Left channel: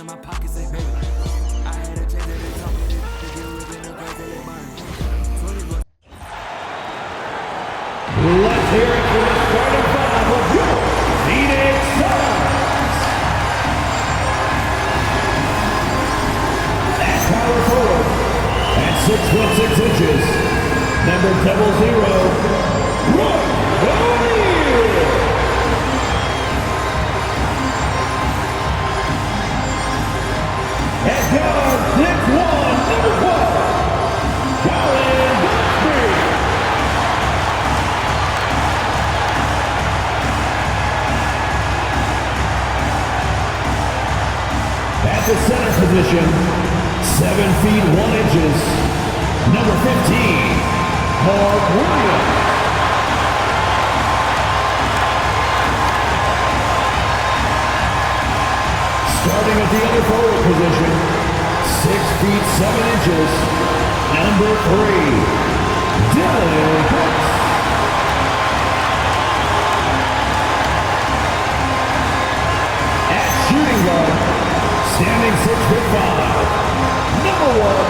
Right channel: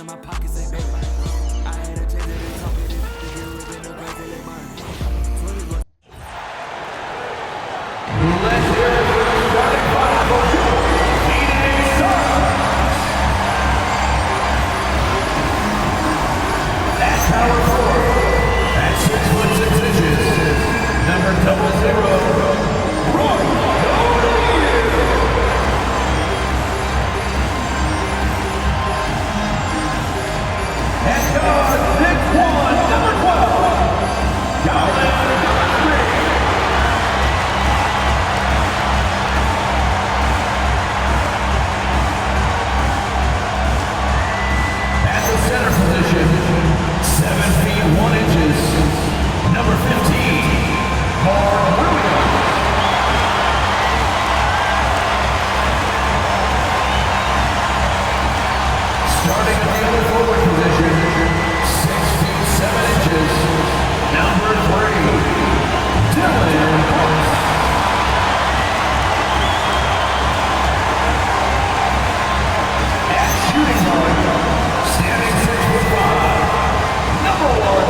in my pockets, they baby. I had a check that they talking it. They get whipping the grace, they let mine. Let's hear it for the starting five of your Phoenix Suns. At power forward, at 6'6" number 00, Roy O'Neal. At guard, 6'1", number 12, Charlie. At the center position, 7 feet 1 inches, number 15, Mark Williams. Starting at the other forward position, 6 feet 7 inches, number 3, Dylan Brooks. At shooting guard, standing 6'5", number 1,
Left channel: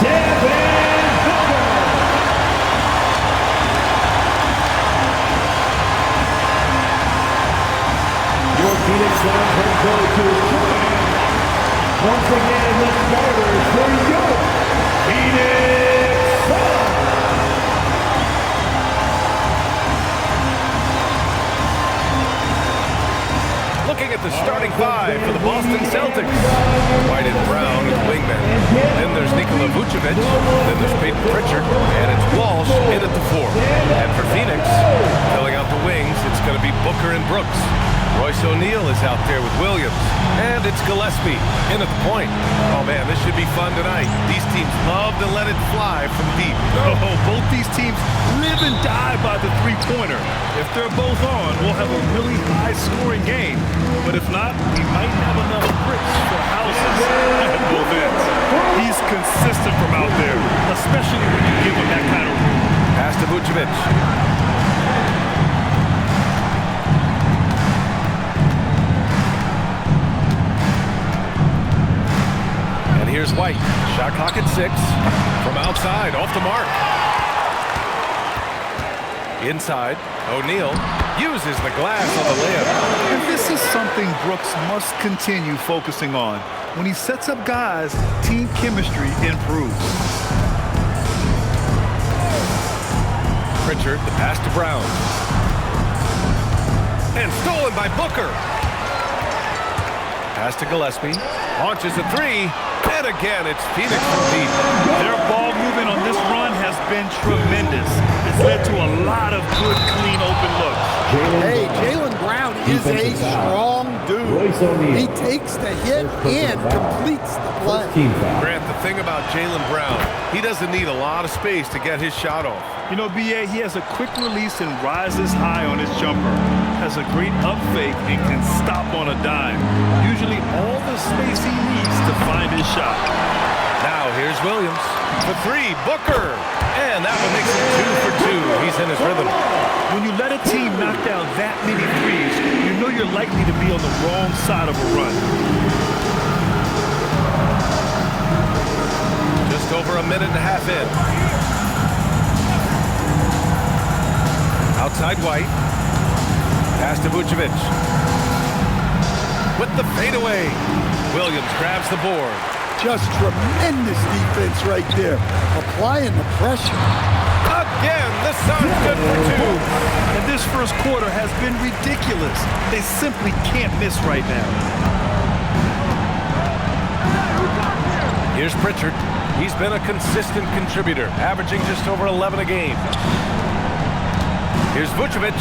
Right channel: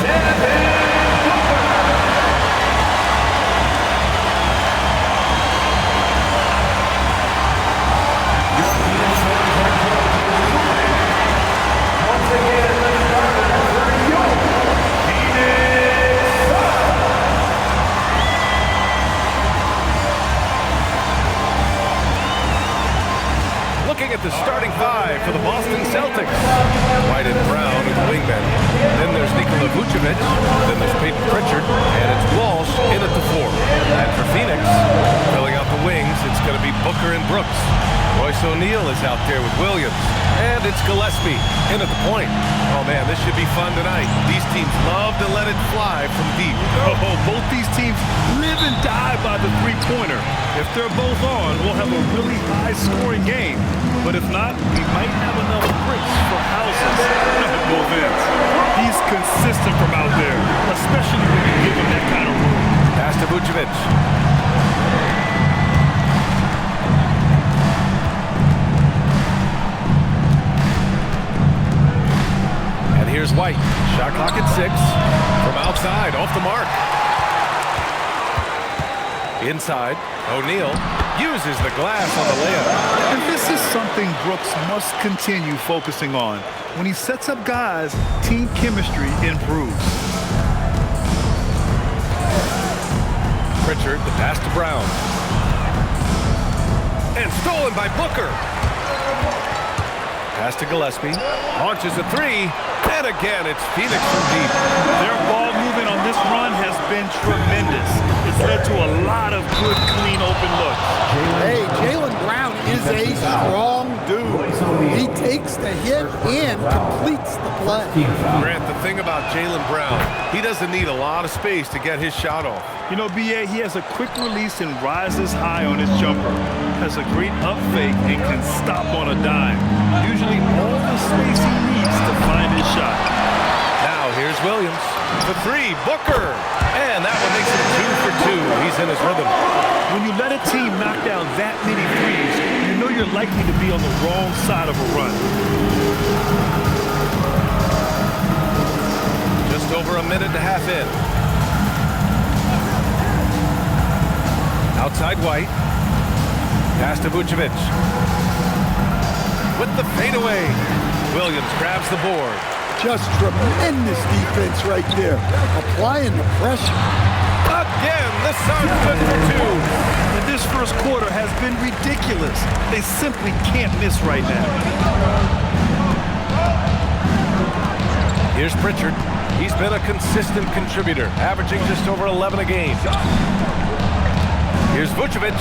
Devin Booker. Your Phoenix Suns head coach is once again the starters for your Phoenix Suns. Looking at the starting five for the Boston Celtics. White and Brown are the wingmen. Then there's Nikola Vucevic. Then there's Peyton Pritchard. And it's Walsh in at the 4. And for Phoenix, filling out the wings, it's going to be Booker and Brooks. Royce O'Neal is out there with Williams. And it's Gillespie in at the point. Oh man, this should be fun tonight. These teams love to let it fly from deep. Oh, both these teams live and die by the three-pointer. If they're both on, we'll have a really high-scoring game. But if not, we might have enough bricks for houses at both ends. He's consistent from out there, especially when you give him that kind of room. Pass to Vucevic. And here's White. Shot clock at 6. From outside, off the mark. Inside, O'Neal uses the glass on the layup. And this is something Brooks must continue focusing on. When he sets up guys, team chemistry improves. Pritchard, the pass to Brown. And stolen by Booker. Pass to Gillespie. Launches a 3. And again, it's Phoenix from deep. Their ball movement on this run has been tremendous. It's led to a lot of good, clean, open looks. Hey, Jaylen Brown is a strong dude. He takes the hit and completes the play. Grant, the thing about Jaylen Brown, he doesn't need a lot of space to get his shot off. You know, B.A., he has a quick release and rises high on his jumper. Has a great up fake and can stop on a dime. Usually all the space he needs to find his shot. Now here's Williams for 3. Booker. And that one makes it 2 for 2. He's in his rhythm. When you let a team knock down that many threes, you know you're likely to be on the wrong side of a run. Just over a minute and a half in. Outside White. Pass to Vucevic. With the fadeaway. Williams grabs the board. Just tremendous defense right there. Applying the pressure. Again, the Suns good for 2. And this first quarter has been ridiculous. They simply can't miss right now. Here's Pritchard. He's been a consistent contributor, averaging just over 11 a game. Here's Vucevic.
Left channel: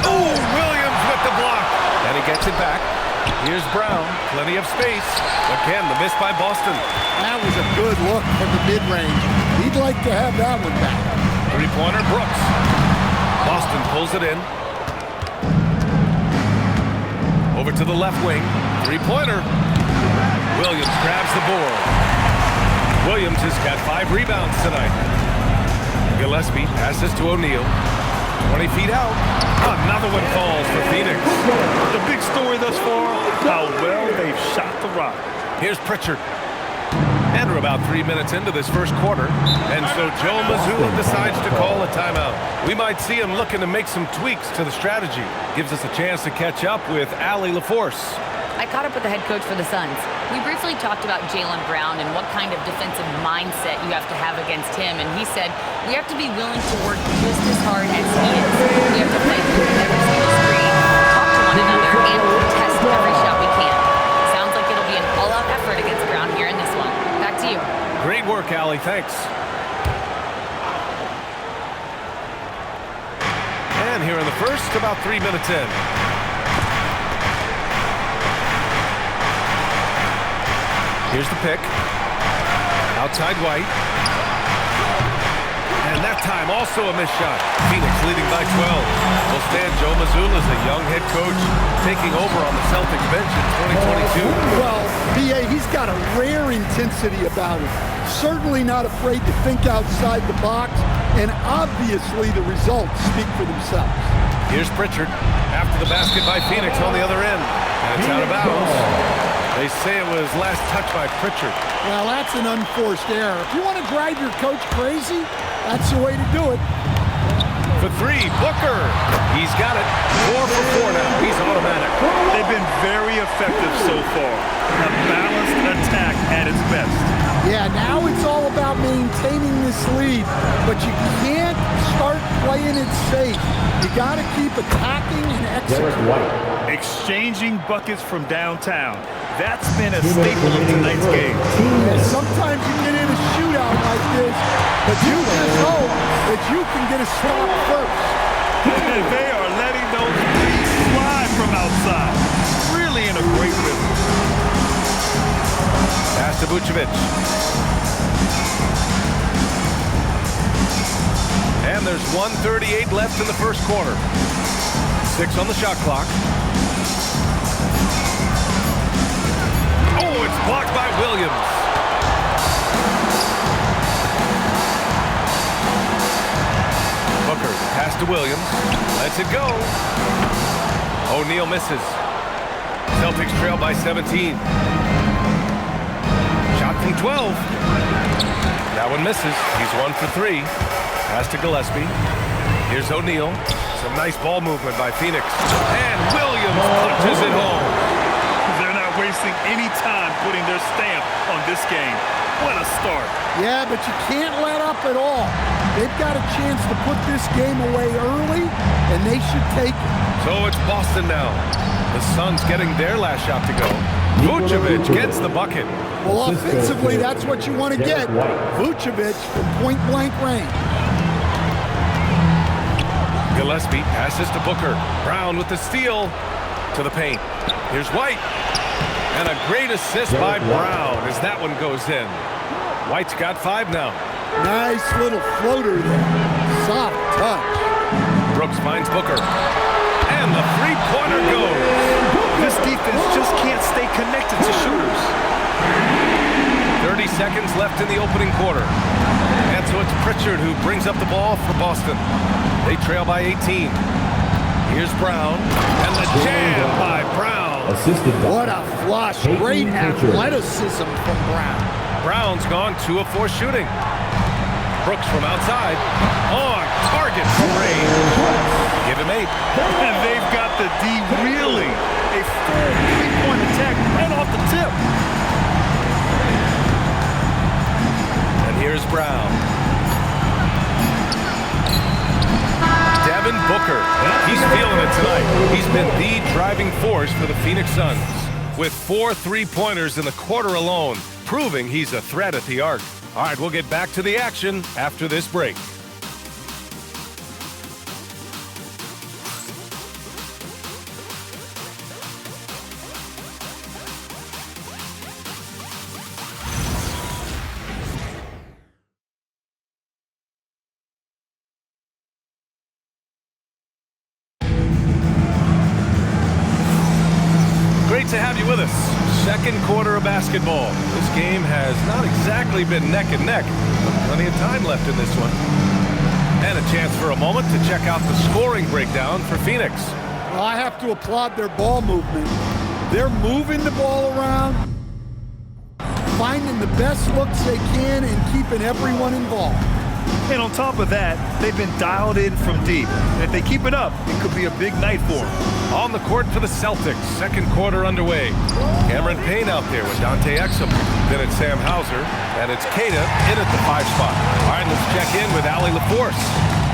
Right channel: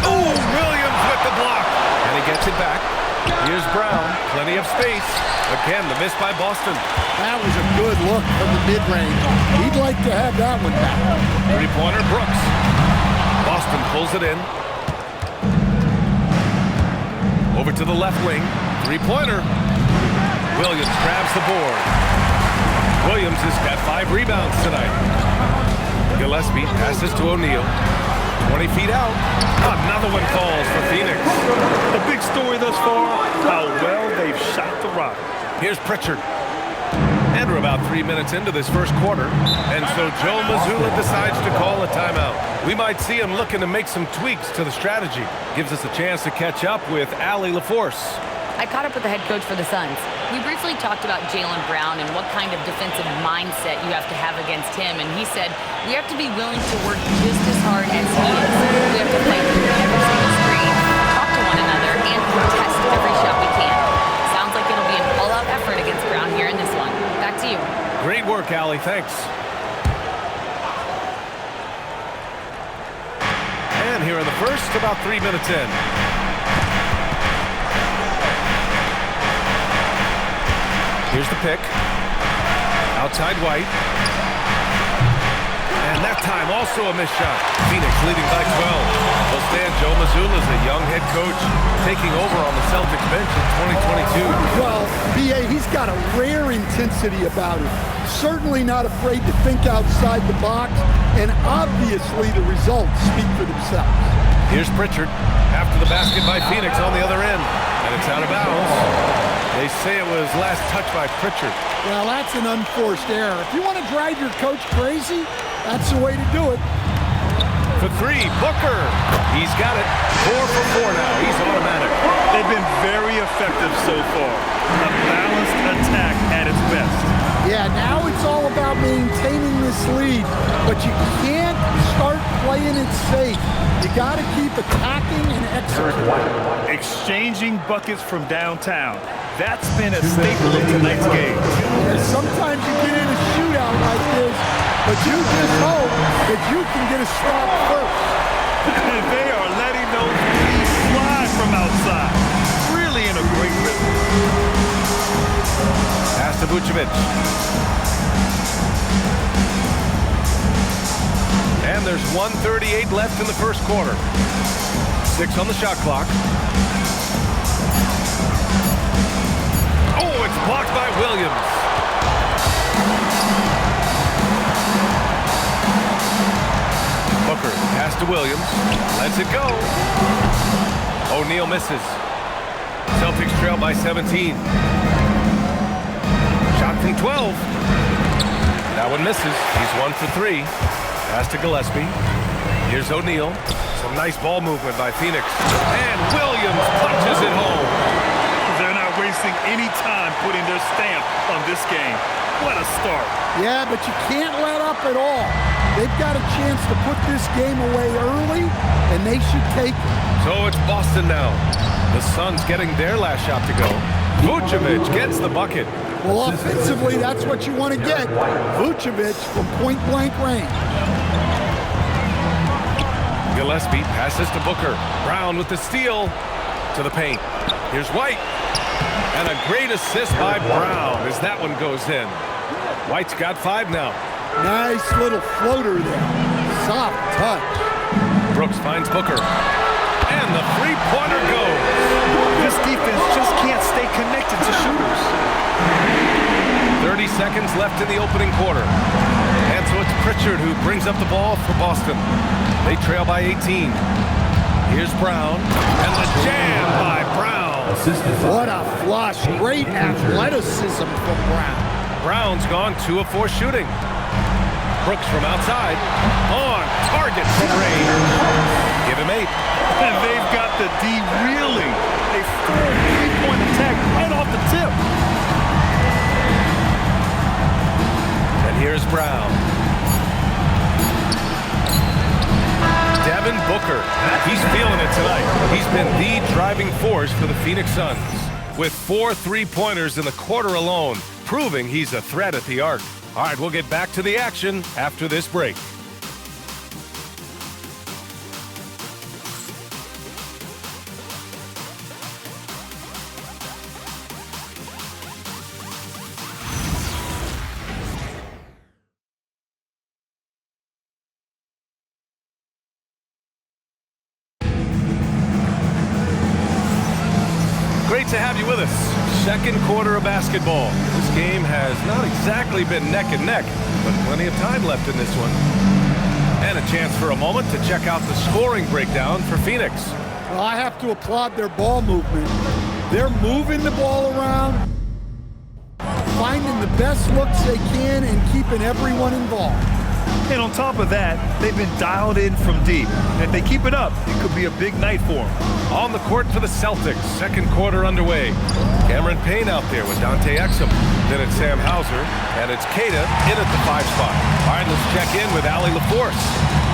Oh, Williams with the block. And he gets it back. Here's Brown. Plenty of space. Again, the miss by Boston. That was a good look from the mid-range. He'd like to have that one back. Three-pointer, Brooks. Boston pulls it in. Over to the left wing. Three-pointer. Williams grabs the board. Williams has got 5 rebounds tonight. Gillespie passes to O'Neal. 20 feet out. Another one falls for Phoenix. The big story thus far, how well they've shot the rock. Here's Pritchard. And we're about 3 minutes into this first quarter. And so Joe Mazzulla decides to call a timeout. We might see him looking to make some tweaks to the strategy. Gives us a chance to catch up with Allie LaForce. I caught up with the head coach for the Suns. We briefly talked about Jaylen Brown and what kind of defensive mindset you have to have against him, and he said we have to be willing to work just as hard as he is. We have to fight through every single screen, talk to one another, and contest every shot we can. Sounds like it'll be an all-out effort against Brown here in this one. Back to you. Great work, Allie. Thanks. And here in the first, about 3 minutes in. Here's the pick. Outside White. And that time also a missed shot. Phoenix leading by 12. Well, Stan, Joe Mazzulla is a young head coach taking over on the Celtics bench in 2022. Well, B.A., he's got a rare intensity about him. Certainly not afraid to think outside the box, and obviously the results speak for themselves. Here's Pritchard after the basket by Phoenix on the other end. And it's out of bounds. They say it was last touched by Pritchard. Well, that's an unforced error. If you want to drive your coach crazy, that's the way to do it. For three, Booker. He's got it. 4 for 4 now. He's automatic. They've been very effective so far. A balanced attack at its best. Yeah, now it's all about maintaining this lead, but you can't start playing it safe. You got to keep attacking and executing. Exchanging buckets from downtown. That's been a staple of tonight's game. Yeah, sometimes you get in a shootout like this, but you just hope that you can get a stop first. And they are letting those threes slide from outside. Really in a great rhythm. Pass to Vucevic. And there's 1:38 left in the first quarter. 6 on the shot clock. Oh, it's blocked by Williams. Booker, the pass to Williams. Lets it go. O'Neal misses. Celtics trail by 17. Shot from 12. That one misses. He's 1 for 3. Pass to Gillespie. Here's O'Neal. Some nice ball movement by Phoenix. And Williams punches it home. They're not wasting any time putting their stamp on this game. What a start. Yeah, but you can't let up at all. They've got a chance to put this game away early, and they should take it. So it's Boston now. The Suns getting their last shot to go. Vucevic gets the bucket. Well, offensively, that's what you want to get. Vucevic from point-blank range. Gillespie passes to Booker. Brown with the steal to the paint. Here's White. And a great assist by Brown as that one goes in. White's got 5 now. Nice little floater there. Soft touch. Brooks finds Booker. And the three-pointer goes. This defense just can't stay connected to shooters. 30 seconds left in the opening quarter. And so it's Pritchard who brings up the ball for Boston. They trail by 18. Here's Brown. And the jam by Brown. What a flush. Great athleticism from Brown. Brown's gone 2 of 4 shooting. Brooks from outside. On target from range. Give him 8. And they've got the D reeling. A full three-point attack right off the tip. And here's Brown. Devin Booker. He's feeling it tonight. He's been the driving force for the Phoenix Suns. With 4 three-pointers in the quarter alone, proving he's a threat at the arc. All right, we'll get back to the action after this break. Great to have you with us. Second quarter of basketball. This game has not exactly been neck and neck, but plenty of time left in this one. And a chance for a moment to check out the scoring breakdown for Phoenix. Well, I have to applaud their ball movement. They're moving the ball around, finding the best looks they can and keeping everyone involved. And on top of that, they've been dialed in from deep. And if they keep it up, it could be a big night for them. On the court for the Celtics, second quarter underway. Cameron Payne out there with Dante Exum. Then it's Sam Hauser, and it's Keita in at the 5 spot. All right, let's check in with Allie LaForce.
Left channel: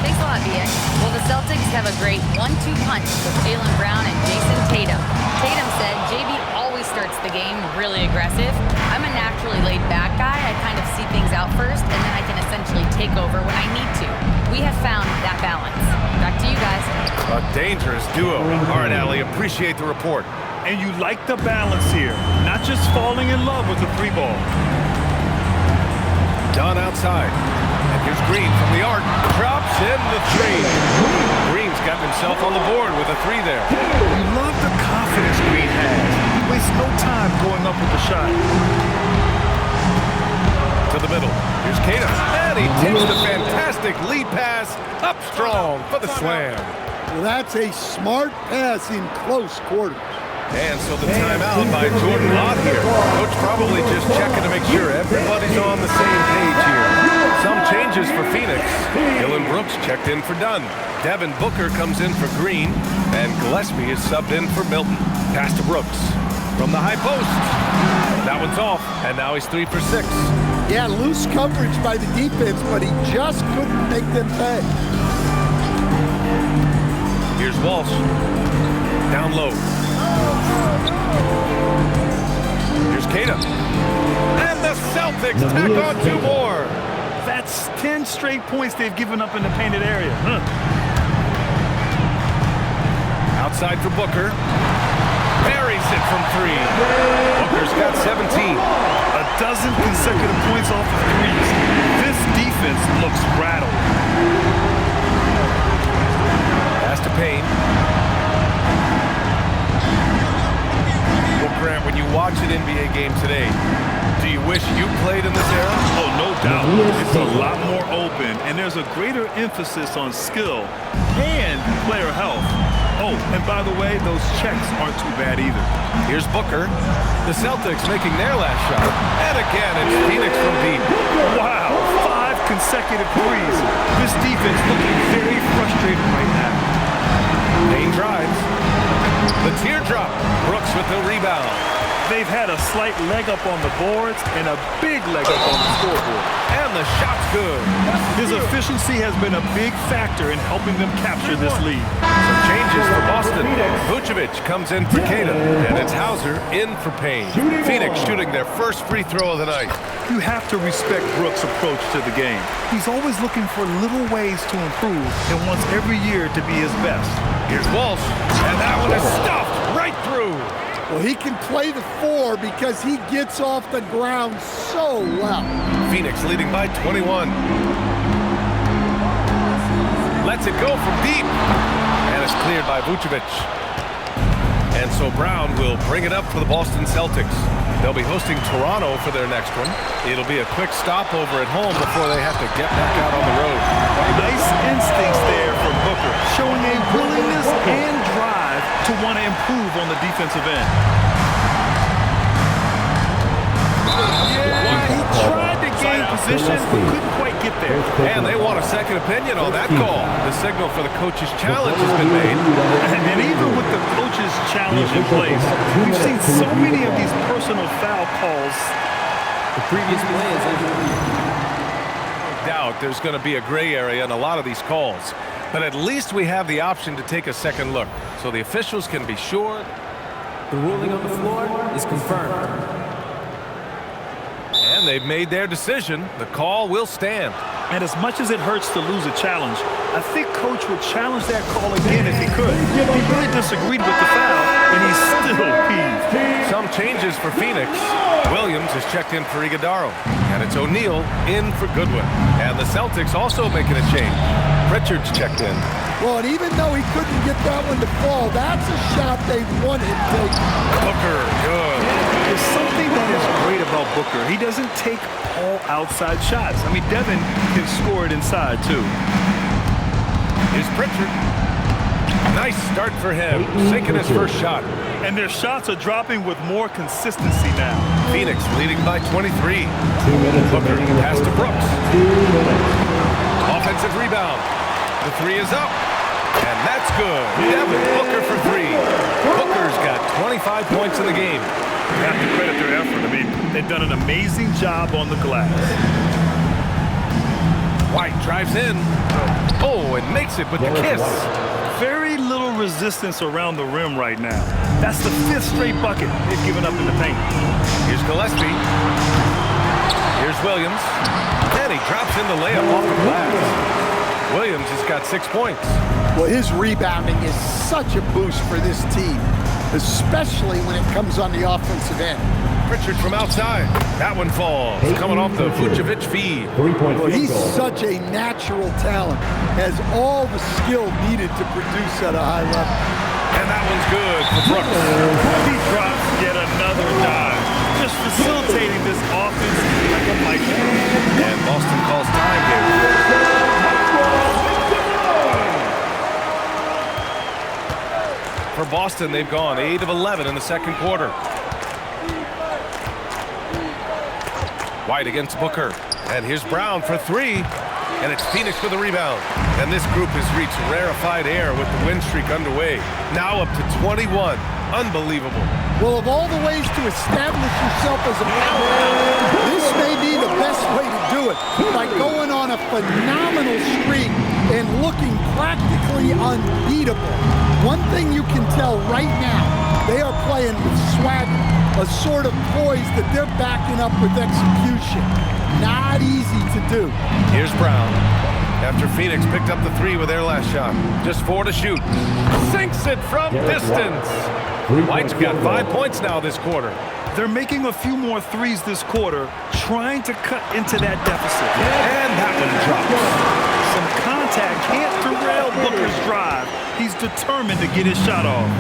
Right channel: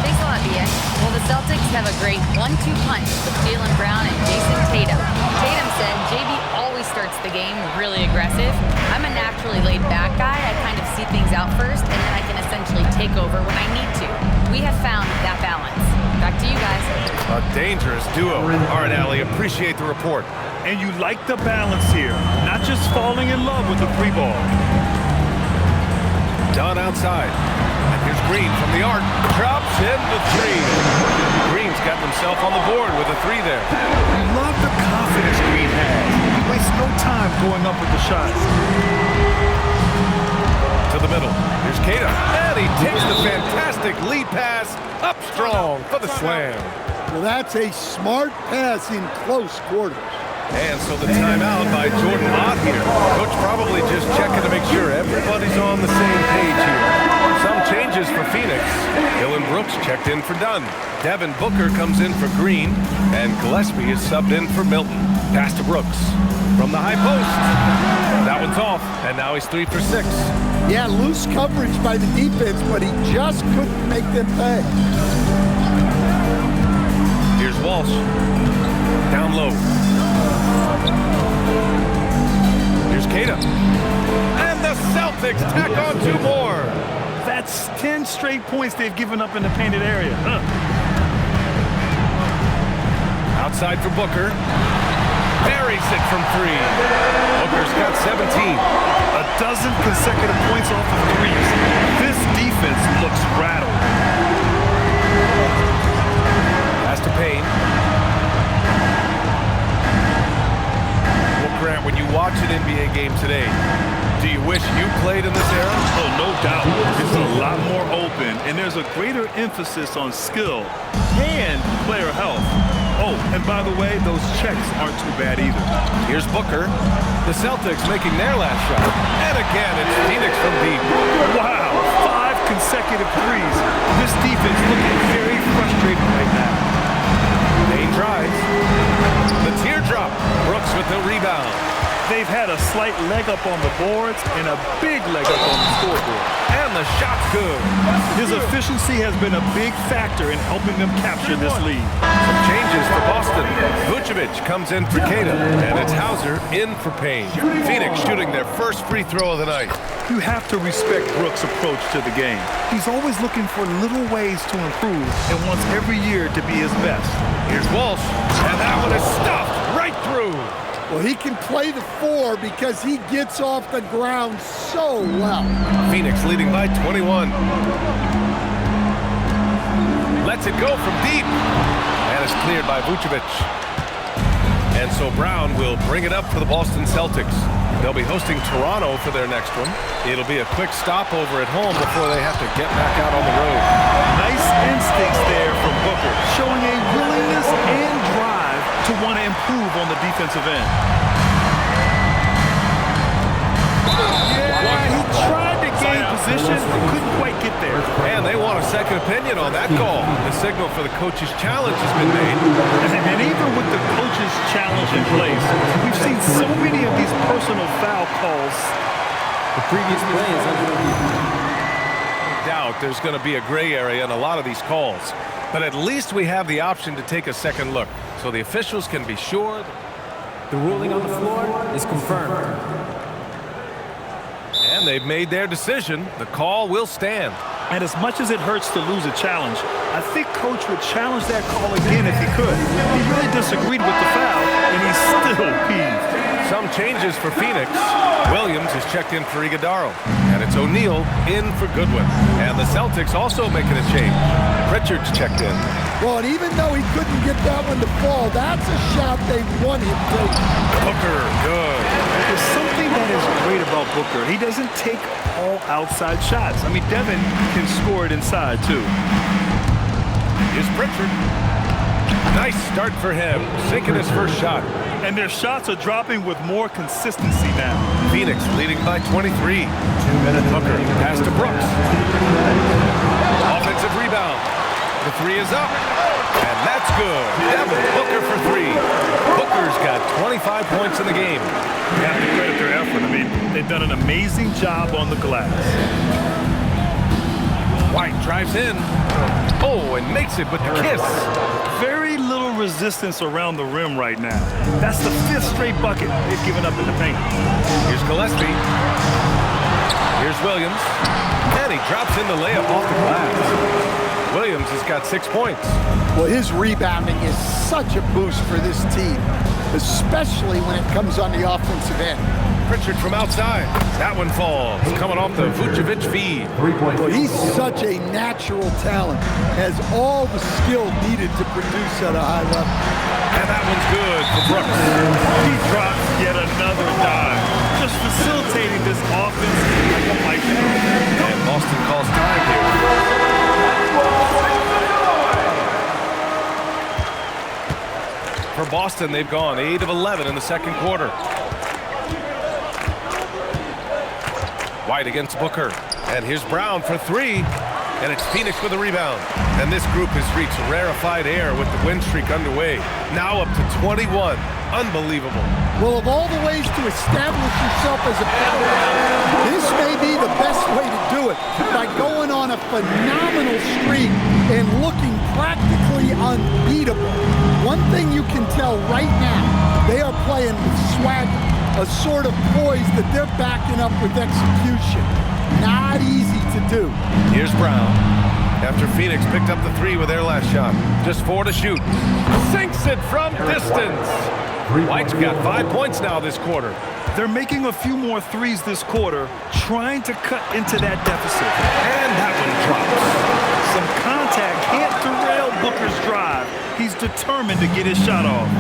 Thanks a lot, BA. Well, the Celtics have a great 1-2 punch with Jaylen Brown and Jason Tatum. Tatum said JB always starts the game really aggressive. I'm a naturally laid-back guy. I kind of see things out first, and then I can essentially take over when I need to. We have found that balance. Back to you guys. A dangerous duo. All right, Allie, appreciate the report. And you like the balance here, not just falling in love with the 3 ball. Dunn outside. And here's Green from the arc. Drops in the 3. Green's got himself on the board with a 3 there. You love the confidence Green has. He wastes no time going up with the shot. To the middle. Here's Keita. And he takes the fantastic lead pass up strong for the slam. Well, that's a smart pass in close quarters. And so the timeout by Jordan Lott here. Coach probably just checking to make sure everybody's on the same page here. Some changes for Phoenix. Dylan Brooks checked in for Dunn. Devin Booker comes in for Green. And Gillespie is subbed in for Milton. Pass to Brooks. From the high post. That one's off. And now he's 3 for 6. Yeah, loose coverage by the defense, but he just couldn't make them pay. Here's Walsh. Down low. Here's Keita. And the Celtics tack on 2 more. That's 10 straight points they've given up in the painted area. Outside for Booker. Buries it from 3. Booker's got 17. A dozen consecutive points off of 3s. This defense looks rattled. Pass to Payne. Well, Grant, when you watch an NBA game today, do you wish you played in this era? Oh, no doubt. It's a lot more open, and there's a greater emphasis on skill and player health. Oh, and by the way, those checks aren't too bad either. Here's Booker. The Celtics making their last shot. And again, it's Phoenix from deep. Wow, 5 consecutive 3s. This defense looking very frustrated right now. Payne drives. The teardrop. Brooks with the rebound. They've had a slight leg up on the boards and a big leg up on the scoreboard. And the shot's good. His efficiency has been a big factor in helping them capture this lead. Some changes for Boston. Vucevic comes in for Keita, and it's Hauser in for Payne. Phoenix shooting their first free throw of the night. You have to respect Brooks' approach to the game. He's always looking for little ways to improve and wants every year to be his best. Here's Walsh, and that one is stuffed right through. Well, he can play the 4 because he gets off the ground so well. Phoenix leading by 21. Lets it go from deep. And it's cleared by Vucevic. And so Brown will bring it up for the Boston Celtics. They'll be hosting Toronto for their next one. It'll be a quick stopover at home before they have to get back out on the road. Nice instincts there from Booker, showing a willingness and drive to want to improve on the defensive end. Yeah, he tried to gain position, but couldn't quite get there. And they want a second opinion on that call. The signal for the coach's challenge has been made. And even with the coach's challenge in place, we've seen so many of these personal foul calls. The previous play is under review. No doubt there's going to be a gray area in a lot of these calls. But at least we have the option to take a second look, so the officials can be sure. The ruling on the floor is confirmed. And they've made their decision. The call will stand. And as much as it hurts to lose a challenge, I think Coach would challenge that call again if he could. He really disagreed with the foul, and he's still peeved. Some changes for Phoenix. Williams is checked in for Iguodaro. And it's O'Neal in for Goodwin. And the Celtics also making a change. Pritchard's checked in. Well, and even though he couldn't get that one to fall, that's a shot they want him taking. Booker, good. There's something that is great about Booker. He doesn't take all outside shots. I mean, Devin can score it inside, too. Here's Pritchard. Nice start for him, sinking his first shot. And their shots are dropping with more consistency now. Phoenix leading by 23. 2 minutes. Booker pass to Brooks. 2 minutes. Offensive rebound. The three is up. And that's good. Devin Booker for three. Booker's got 25 points in the game. You have to credit their effort. I mean, they've done an amazing job on the glass. White drives in. Oh, and makes it with the kiss. Very little resistance around the rim right now. That's the 5th straight bucket they've given up in the paint. Here's Gillespie. Here's Williams. And he drops in the layup off the glass. Williams has got 6 points. Well, his rebounding is such a boost for this team, especially when it comes on the offensive end. Pritchard from outside. That one falls. Coming off the Vucevic feed. 3-point Well, he's field goal. such a natural talent, has all the skill needed to produce at a high level. And that one's good for Brooks. He drops yet another dive, just facilitating this offense like a maestro. And Boston calls time here. For Boston, they've gone 8 of 11 in the second quarter. White against Booker. And here's Brown for three. And it's Phoenix with a rebound. And this group has reached rarefied air with the win streak underway. Now up to 21. Unbelievable. Well, of all the ways to establish yourself as a powerhouse, this may be the best way to do it, by going on a phenomenal streak and looking practically unbeatable. One thing you can tell right now, they are playing with swagger, a sort of poise that they're backing up with execution. Not easy to do. Here's Brown. After Phoenix picked up the three with their last shot. Just 4 to shoot. Sinks it from distance. White's got 5 points now this quarter. They're making a few more threes this quarter, trying to cut into that deficit. And that one drops. Some contact can't derail Booker's drive. He's determined to get his shot off.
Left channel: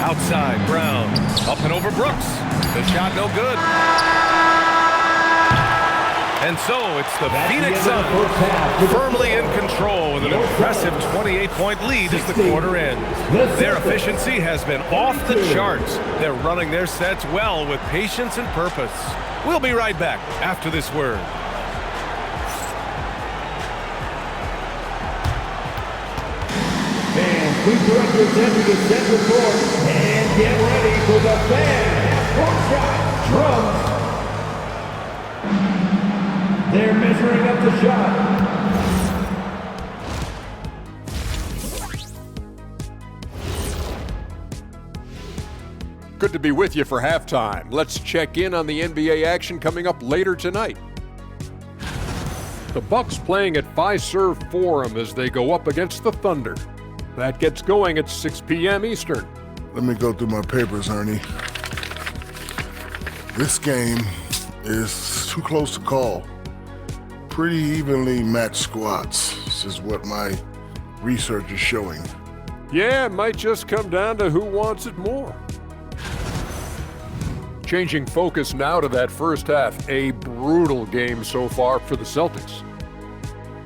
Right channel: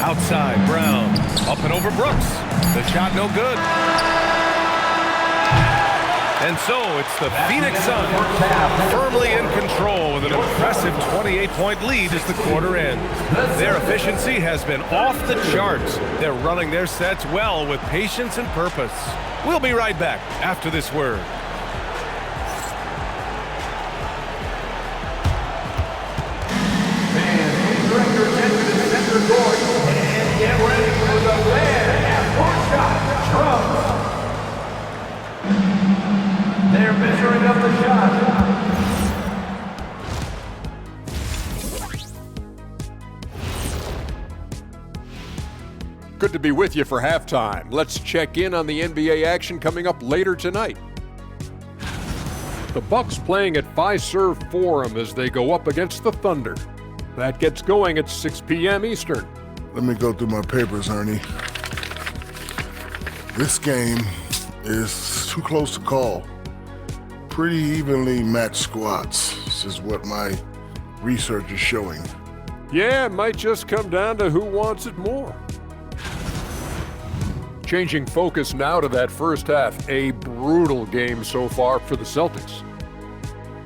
Outside, Brown. Up and over Brooks. The shot no good. And so it's the Phoenix Suns firmly in control with an impressive 28-point lead as the quarter ends. Their efficiency has been off the charts. They're running their sets well with patience and purpose. We'll be right back after this word. Fans, please direct your attention to center court and get ready for the fan half-court shot. Drums. They're measuring up the shot. Good to be with you for halftime. Let's check in on the NBA action coming up later tonight. The Bucks playing at Fiserv Forum as they go up against the Thunder. That gets going at 6 p.m. Eastern. Let me go through my papers, Ernie. This game is too close to call. Pretty evenly matched squads. This is what my research is showing. Yeah, it might just come down to who wants it more. Changing focus now to that first half. A brutal game so far for the Celtics.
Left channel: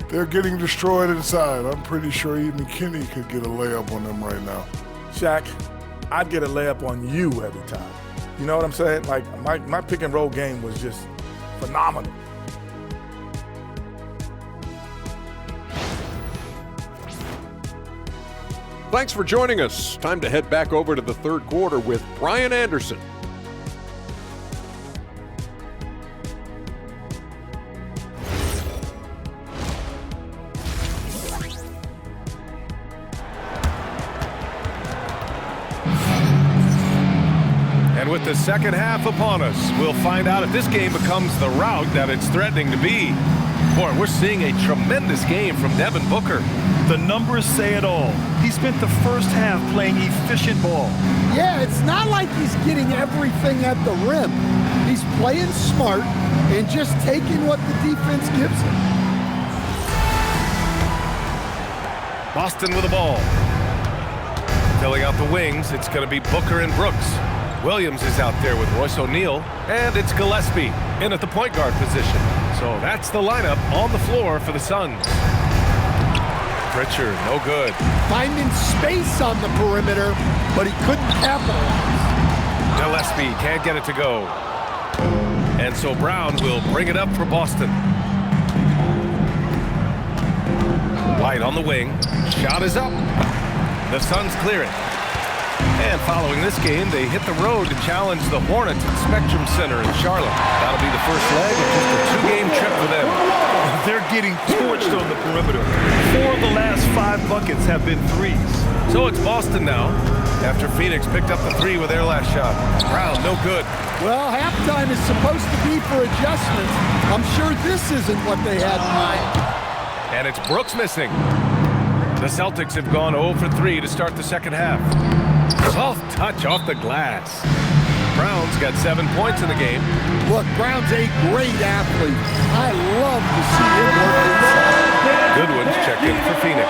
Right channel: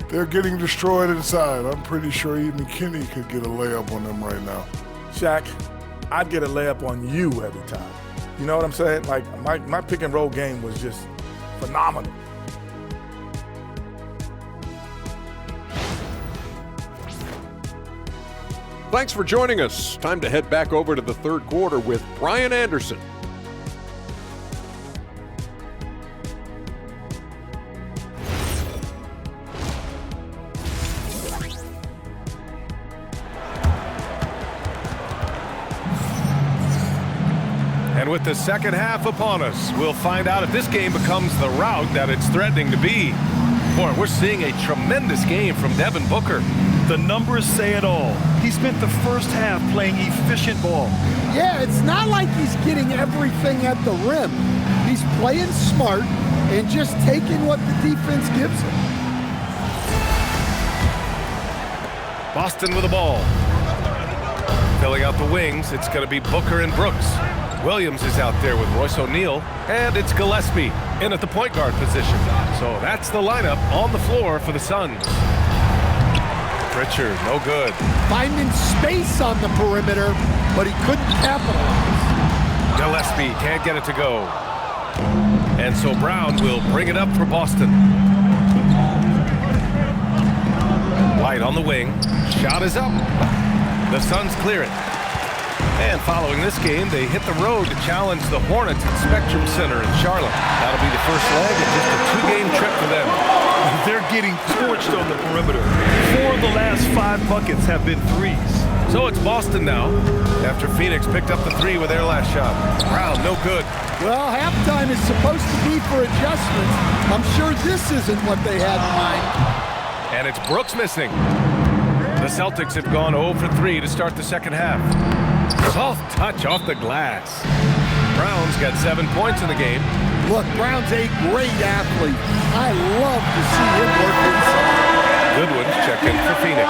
They're getting destroyed inside. I'm pretty sure even Kenny could get a layup on them right now. Shaq, I'd get a layup on you every time. You know what I'm saying? Like, my pick and roll game was just phenomenal. Thanks for joining us. Time to head back over to the third quarter with Brian Anderson. And with the second half upon us, we'll find out if this game becomes the rout that it's threatening to be. Boy, we're seeing a tremendous game from Devin Booker. The numbers say it all. He spent the first half playing efficient ball. Yeah, it's not like he's getting everything at the rim. He's playing smart and just taking what the defense gives him. Boston with the ball. Filling out the wings, it's going to be Booker and Brooks. Williams is out there with Royce O'Neal, and it's Gillespie in at the point guard position. So that's the lineup on the floor for the Suns. Pritchard, no good. Finding space on the perimeter, but he couldn't capitalize. Gillespie can't get it to go. And so Brown will bring it up for Boston. White on the wing. Shot is up. The Suns clear it. And following this game, they hit the road to challenge the Hornets at Spectrum Center in Charlotte. That'll be the first leg of just a 2-game trip for them. They're getting torched on the perimeter. 4 of the last 5 buckets have been threes. So it's Boston now, after Phoenix picked up the 3 with their last shot. Brown, no good. Well, halftime is supposed to be for adjustments. I'm sure this isn't what they had in mind. And it's Brooks missing. The Celtics have gone 0 for 3 to start the second half. Soft touch off the glass. Brown's got 7 points in the game. Look, Brown's a great athlete. I love to see him work inside. Goodwin's checked in for Phoenix.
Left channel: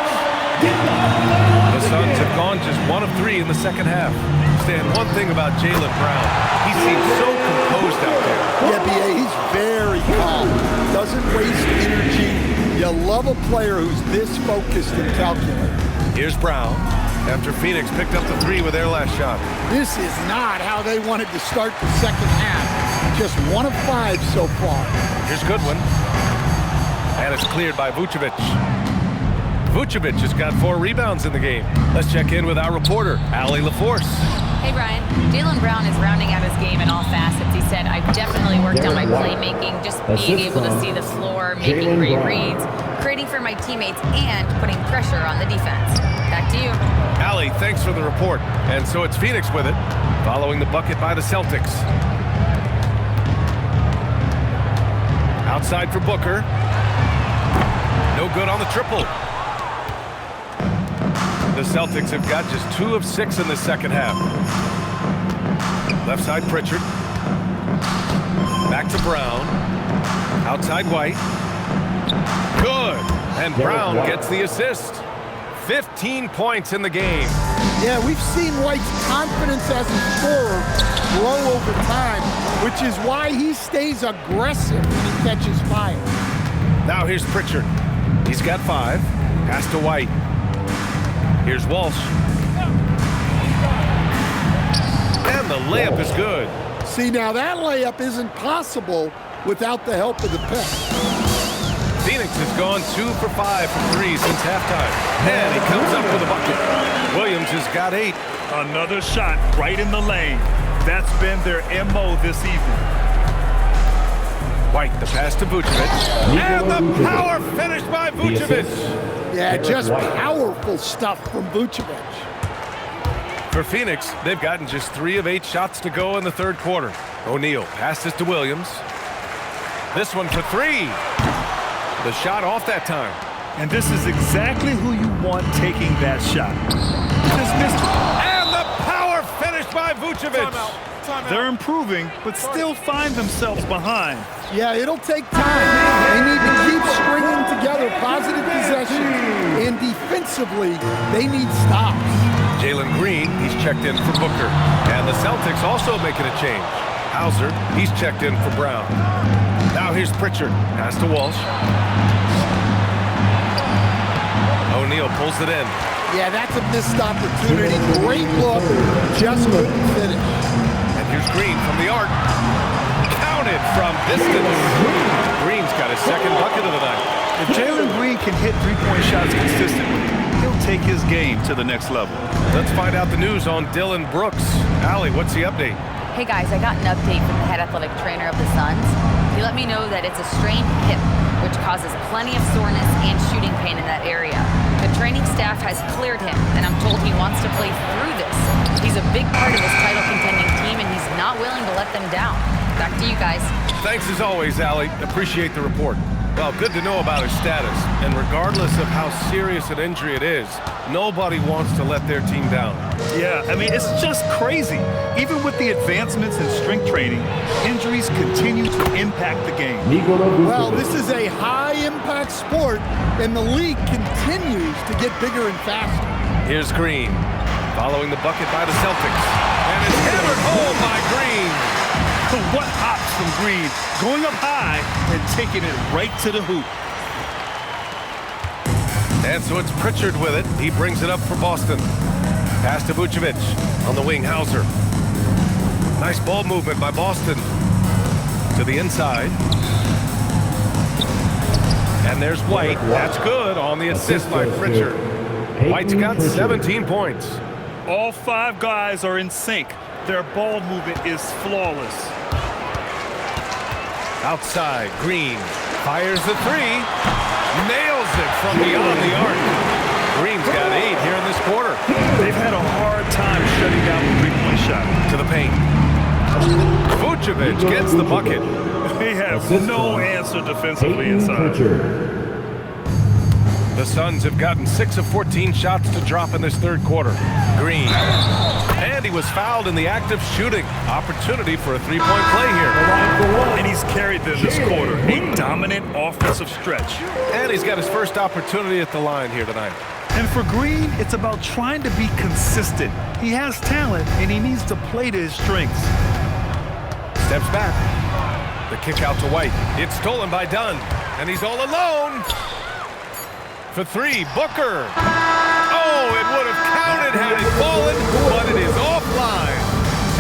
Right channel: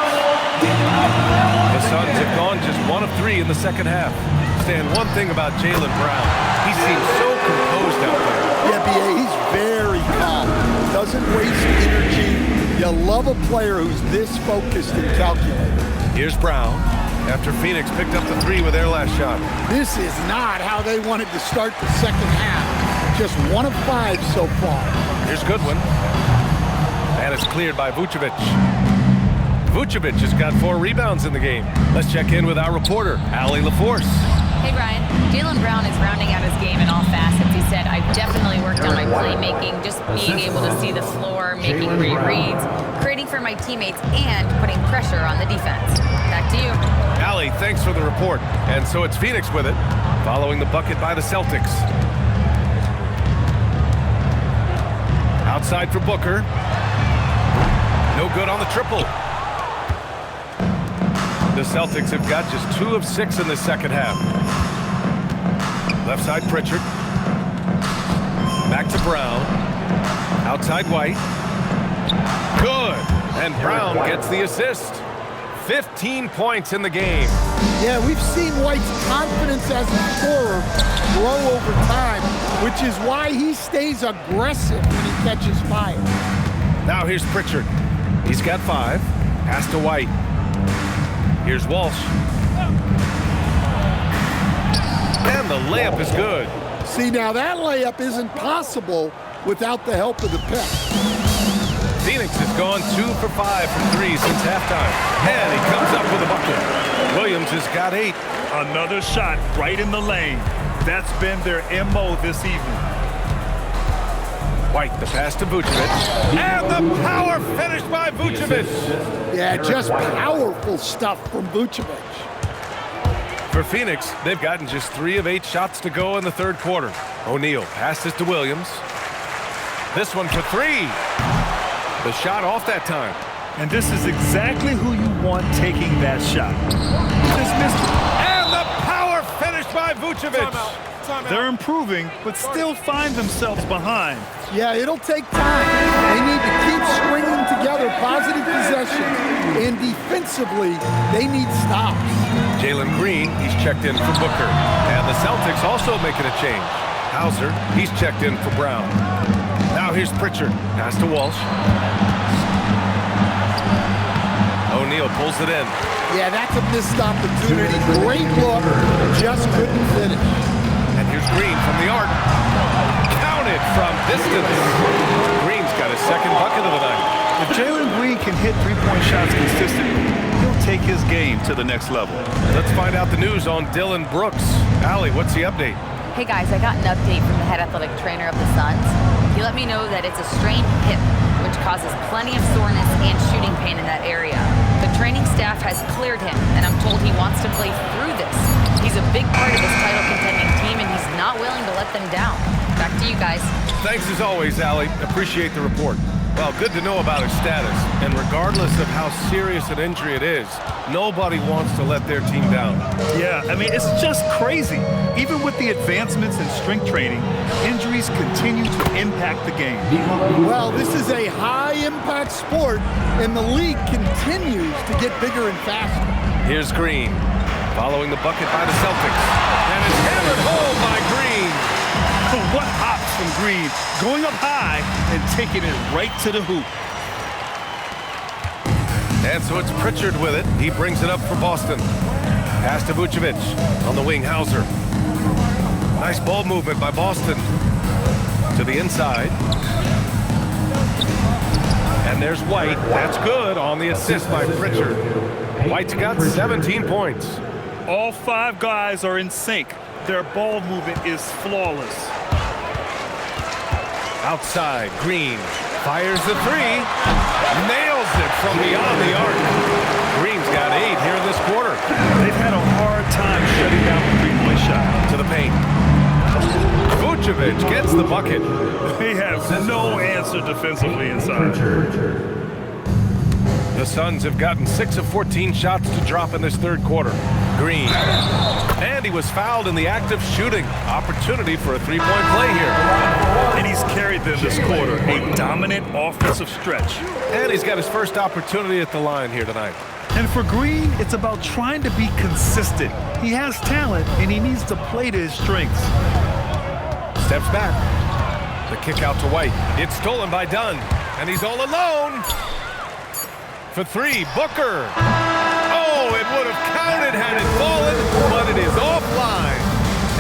The Suns have gone just 1 of 3 in the second half. Stan, one thing about Jaylen Brown, he seems so composed out there. Yeah, B.A., he's very calm. Doesn't waste energy. You love a player who's this focused and calculated. Here's Brown, after Phoenix picked up the 3 with their last shot. This is not how they wanted to start the second half. Just 1 of 5 so far. Here's Goodwin. And it's cleared by Vucevic. Vucevic has got 4 rebounds in the game. Let's check in with our reporter, Allie LaForce. Hey, Brian. Jaylen Brown is rounding out his game in all facets. He said, I've definitely worked on my playmaking, just being able to see the floor, making great reads, creating for my teammates, and putting pressure on the defense. Back to you. Allie, thanks for the report. And so it's Phoenix with it, following the bucket by the Celtics. Outside for Booker. No good on the triple. The Celtics have got just 2 of 6 in the second half. Left side Pritchard. Back to Brown. Outside White. Good. And Brown gets the assist. 15 points in the game. Yeah, we've seen White's confidence as a scorer grow over time, which is why he stays aggressive when he catches fire. Now here's Pritchard. He's got 5. Pass to White. Here's Walsh. And the layup is good. See, now that layup isn't possible without the help of the pick. Phoenix has gone 2 for 5 from 3 since halftime. And he comes up with a bucket. Williams has got 8. Another shot right in the lane. That's been their MO this evening. White, the pass to Vucevic. And the power finish by Vucevic. Yeah, just powerful stuff from Vucevic. For Phoenix, they've gotten just 3 of 8 shots to go in the third quarter. O'Neal passes to Williams. This one for 3. The shot off that time. And this is exactly who you want taking that shot. Just missed it. And the power finish by Vucevic. They're improving, but still find themselves behind. Yeah, it'll take time. They need to keep stringing together positive possessions, and defensively, they need stops. Jalen Green, he's checked in for Booker. And the Celtics also making a change. Hauser, he's checked in for Brown. Now here's Pritchard. Pass to Walsh. O'Neal pulls it in. Yeah, that's a missed opportunity. Great look, just couldn't finish. And here's Green from the arc. Counted from distance. Green's got his second bucket of the night. If Jalen Green can hit three-point shots consistently, he'll take his game to the next level. Let's find out the news on Dillon Brooks. Allie, what's the update? Hey, guys, I got an update from the head athletic trainer of the Suns. He let me know that it's a strained hip, which causes plenty of soreness and shooting pain in that area. The training staff has cleared him, and I'm told he wants to play through this. He's a big part of this title-contending team, and he's not willing to let them down. Back to you guys. Thanks as always, Allie. Appreciate the report. Well, good to know about his status. And regardless of how serious an injury it is, nobody wants to let their team down. Yeah, I mean, it's just crazy. Even with the advancements in strength training, injuries continue to impact the game. Well, this is a high-impact sport, and the league continues to get bigger and faster. Here's Green, following the bucket by the Celtics. And it's hammered home by Green. What hops from Green, going up high and taking it right to the hoop. And so it's Pritchard with it. He brings it up for Boston. Pass to Vucevic. On the wing, Hauser. Nice ball movement by Boston. To the inside. And there's White. That's good on the assist by Pritchard. White's got 17 points. All 5 guys are in sync. Their ball movement is flawless. Outside, Green fires the 3. Nails it from beyond the arc. Green's got 8 here in this quarter. They've had a hard time shutting down the three-point shot. To the paint. Vucevic gets the bucket. They have no answer defensively inside. The Suns have gotten 6 of 14 shots to drop in this third quarter. Green. And he was fouled in the act of shooting. Opportunity for a three-point play here. And he's carried them this quarter. A dominant offensive stretch. And he's got his first opportunity at the line here tonight. And for Green, it's about trying to be consistent. He has talent, and he needs to play to his strengths. Steps back. The kick out to White. It's stolen by Dunn. And he's all alone. For 3, Booker. Oh, it would have counted had it fallen, but it is offline.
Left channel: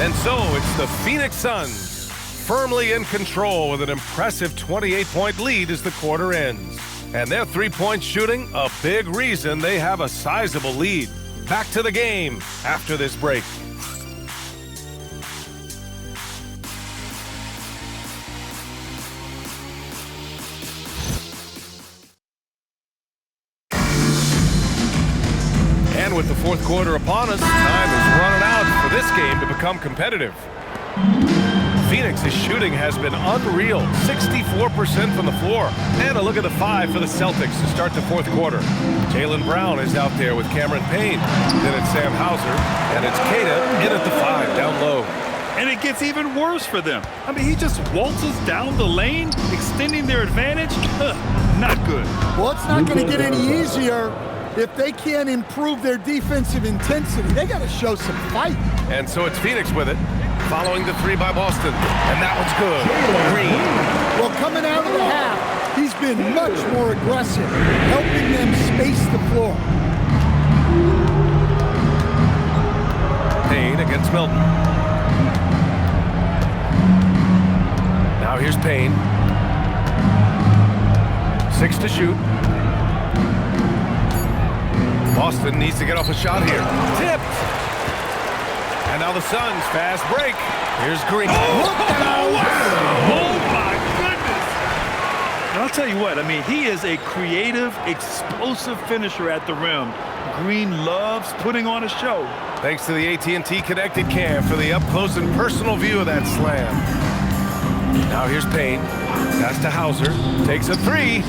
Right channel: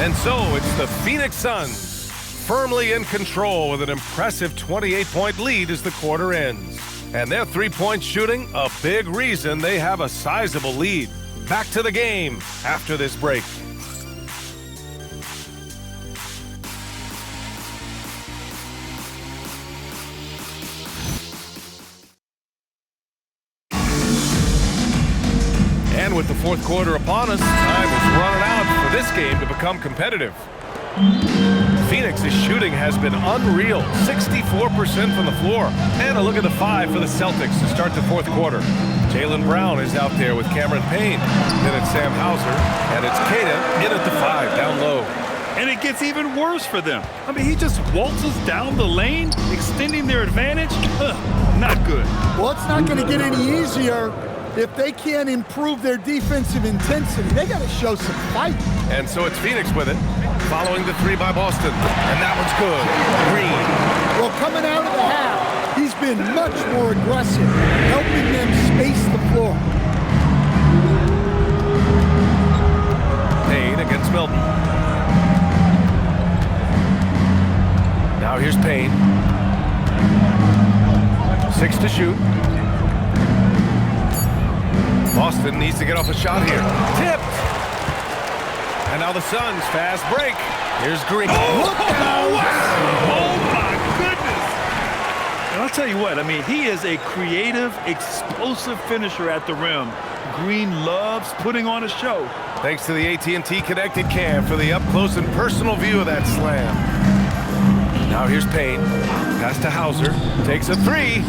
And so it's the Phoenix Suns firmly in control with an impressive 28-point lead as the quarter ends. And their three-point shooting, a big reason they have a sizable lead. Back to the game after this break. And with the fourth quarter upon us, time is running out for this game to become competitive. Phoenix's shooting has been unreal, 64% from the floor. And a look at the 5 for the Celtics to start the fourth quarter. Jaylen Brown is out there with Cameron Payne. Then it's Sam Hauser, and it's Queta in at the 5, down low. And it gets even worse for them. I mean, he just waltzes down the lane, extending their advantage. Not good. Well, it's not going to get any easier if they can't improve their defensive intensity. They got to show some fight. And so it's Phoenix with it, following the 3 by Boston. And that one's good. Green. Well, coming out of the half, he's been much more aggressive, helping them space the floor. Payne against Milton. Now here's Payne. 6 to shoot. Boston needs to get off a shot here. Tipped. And now the Suns fast break. Here's Green. Oh, wow. Oh my goodness. And I'll tell you what, I mean, he is a creative, explosive finisher at the rim. Green loves putting on a show. Thanks to the AT&T Connected Cam for the up-close and personal view of that slam. Now here's Payne. Pass to Hauser. Takes a 3.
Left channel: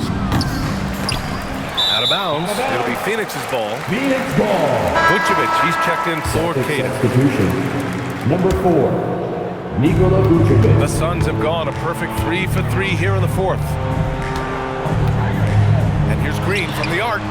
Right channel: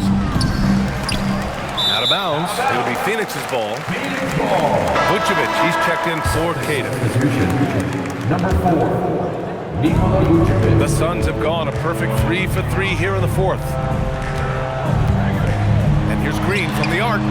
Out of bounds. It'll be Phoenix's ball. Phoenix ball. Vucevic, he's checked in for Queta. Substitution. Number 4, Nikola Vucevic. The Suns have gone a perfect 3 for 3 here in the fourth. And here's Green from the arc.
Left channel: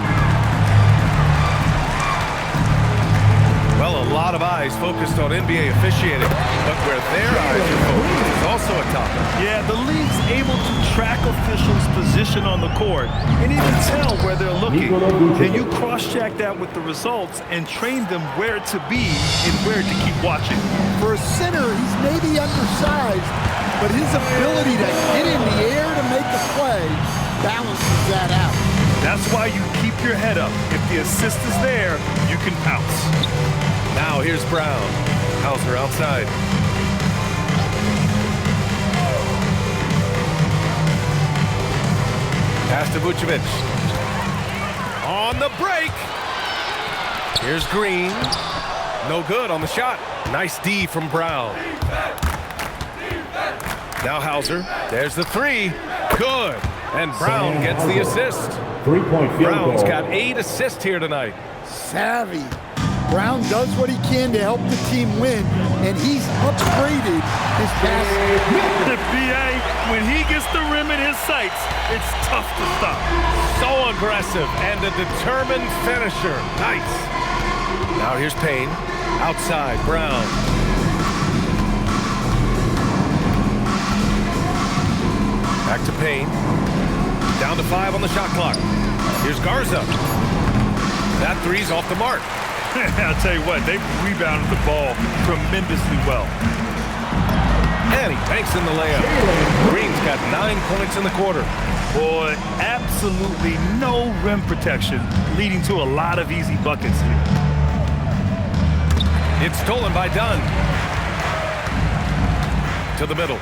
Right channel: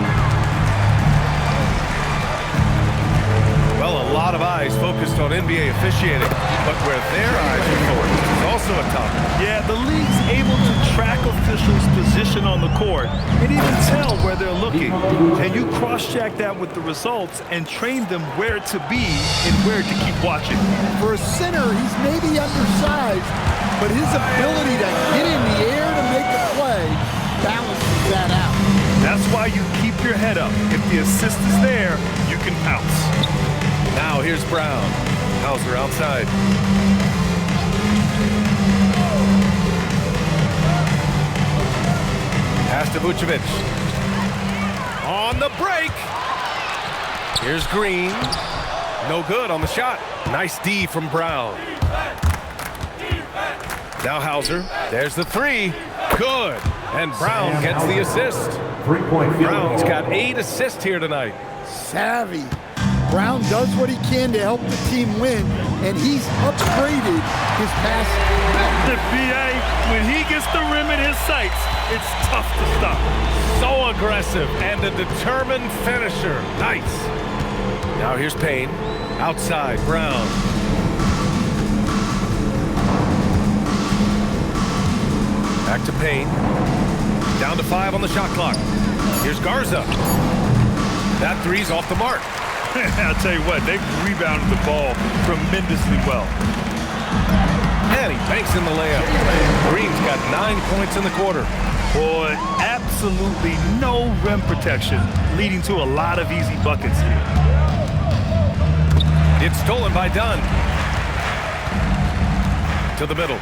Well, a lot of eyes focused on NBA officiating, but where their eyes are focused is also a topic. Yeah, the league's able to track officials' position on the court and even tell where they're looking. And you cross-check that with the results and train them where to be and where to keep watching. For a center, he's maybe undersized, but his ability to get in the air to make a play balances that out. That's why you keep your head up. If the assist is there, you can pounce. Now here's Brown. Hauser outside. Pass to Vucevic. On the break. Here's Green. No good on the shot. Nice D from Brown. Now Hauser. There's the 3. Good. And Brown gets the assist. 3-point field Brown's goal. got 8 assists here tonight. Savvy. Brown does what he can to help the team win, and he's upgraded his passing. The BA, when he gets the rim in his sights, it's tough to stop. So aggressive and a determined finisher. Nice. Now here's Payne. Outside, Brown. Back to Payne. Down to 5 on the shot clock. Here's Garza. That three's off the mark. I'll tell you what, they've rebounded the ball tremendously well. And he banks in the layup. Green's got 9 points in the quarter. Boy, absolutely no rim protection, leading to a lot of easy buckets here. It's stolen by Dunn. To the middle.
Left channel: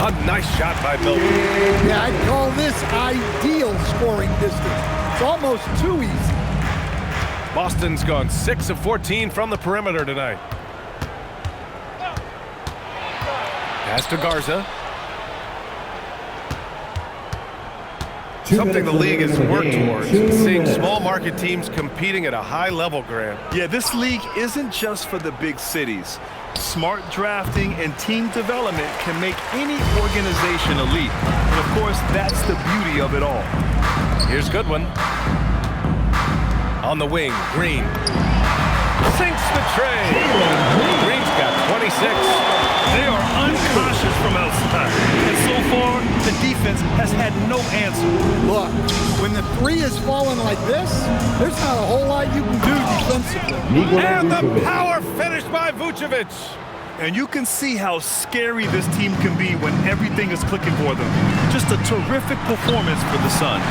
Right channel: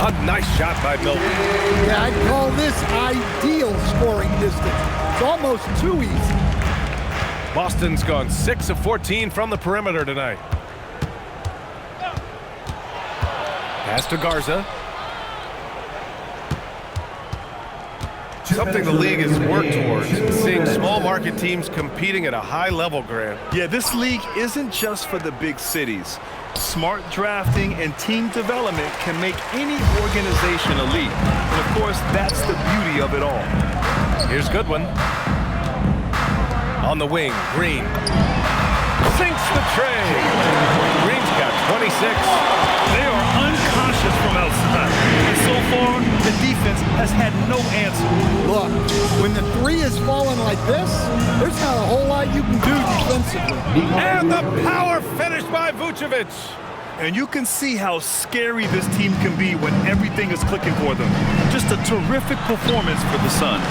A nice shot by Milton. Yeah, I'd call this ideal scoring distance. It's almost too easy. Boston's gone 6 of 14 from the perimeter tonight. Pass to Garza. Something the league has worked towards, seeing small market teams competing at a high level, Grant. Yeah, this league isn't just for the big cities. Smart drafting and team development can make any organization elite. And of course, that's the beauty of it all. Here's Goodwin. On the wing, Green. Sinks the tray. Green's got 26. They are unconscious from outside. And so far, the defense has had no answer. Look, when the three is falling like this, there's not a whole lot you can do defensively. And the power finish by Vucevic. And you can see how scary this team can be when everything is clicking for them. Just a terrific performance for the Suns.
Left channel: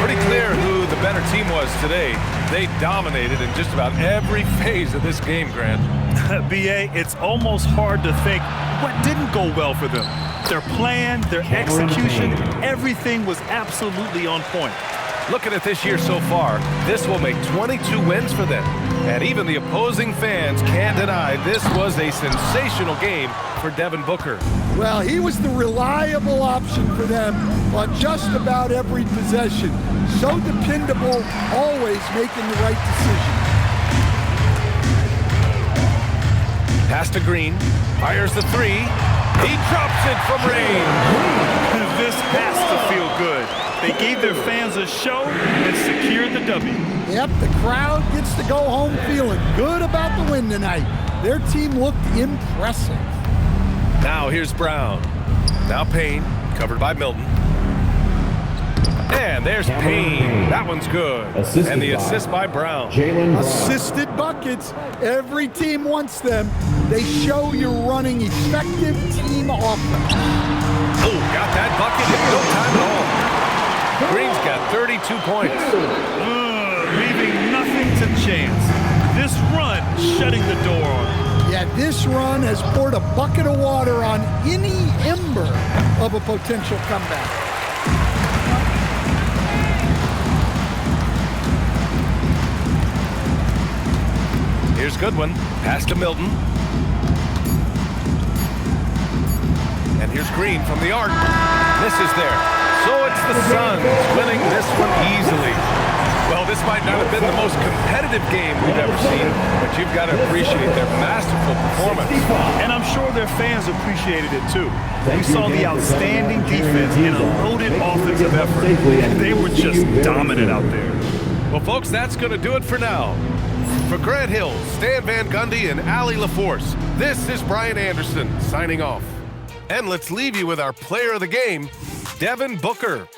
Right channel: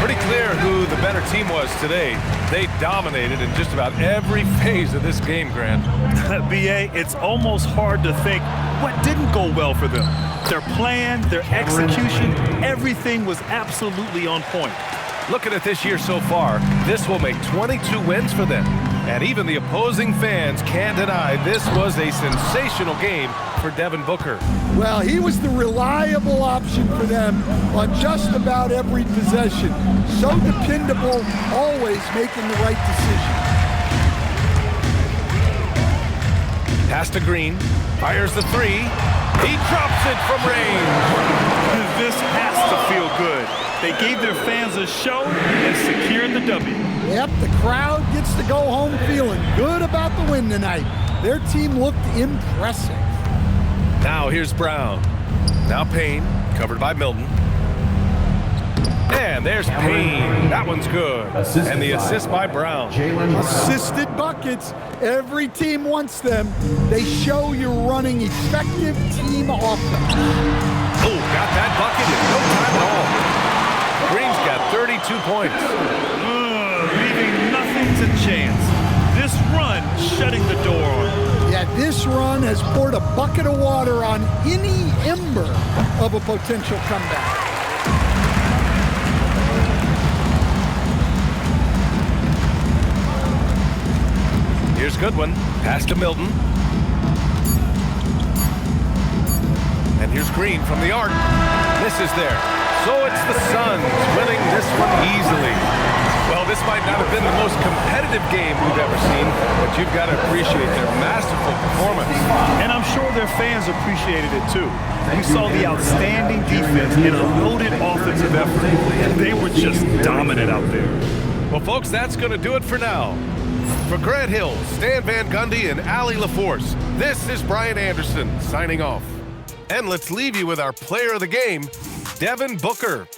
Pretty clear who the better team was today. They dominated in just about every phase of this game, Grant. B.A., it's almost hard to think what didn't go well for them. Their plan, their execution, everything was absolutely on point. Looking at this year so far, this will make 22 wins for them. And even the opposing fans can't deny this was a sensational game for Devin Booker. Well, he was the reliable option for them on just about every possession. So dependable, always making the right decision. Pass to Green, fires the three. He drops it from range. This has to feel good. They gave their fans a show and secured the W. Yep, the crowd gets to go home feeling good about the win tonight. Their team looked impressive. Now here's Brown. Now Payne, covered by Milton. And there's Payne. That one's good. And the assist by Brown. Assisted buckets. Every team wants them. They show you're running effective team offense. Oh, got that bucket in no time at all. Green's got 32 points. Leaving nothing to chance. This run shutting the door on him. Yeah, this run has poured a bucket of water on any ember of a potential comeback. Here's Goodwin. Pass to Milton. And here's Green from the arc. Misses there. So it's the Suns winning this one easily. Well, this might not have been the most competitive game we've ever seen, but you've got to appreciate their masterful performance. And I'm sure their fans appreciated it too. We saw the outstanding defense and a loaded offensive effort. They were just dominant out there. Well, folks, that's going to do it for now. For Grant Hill, Stan Van Gundy, and Allie LaForce, this is Brian Anderson signing off. And let's leave you with our player of the game, Devin Booker.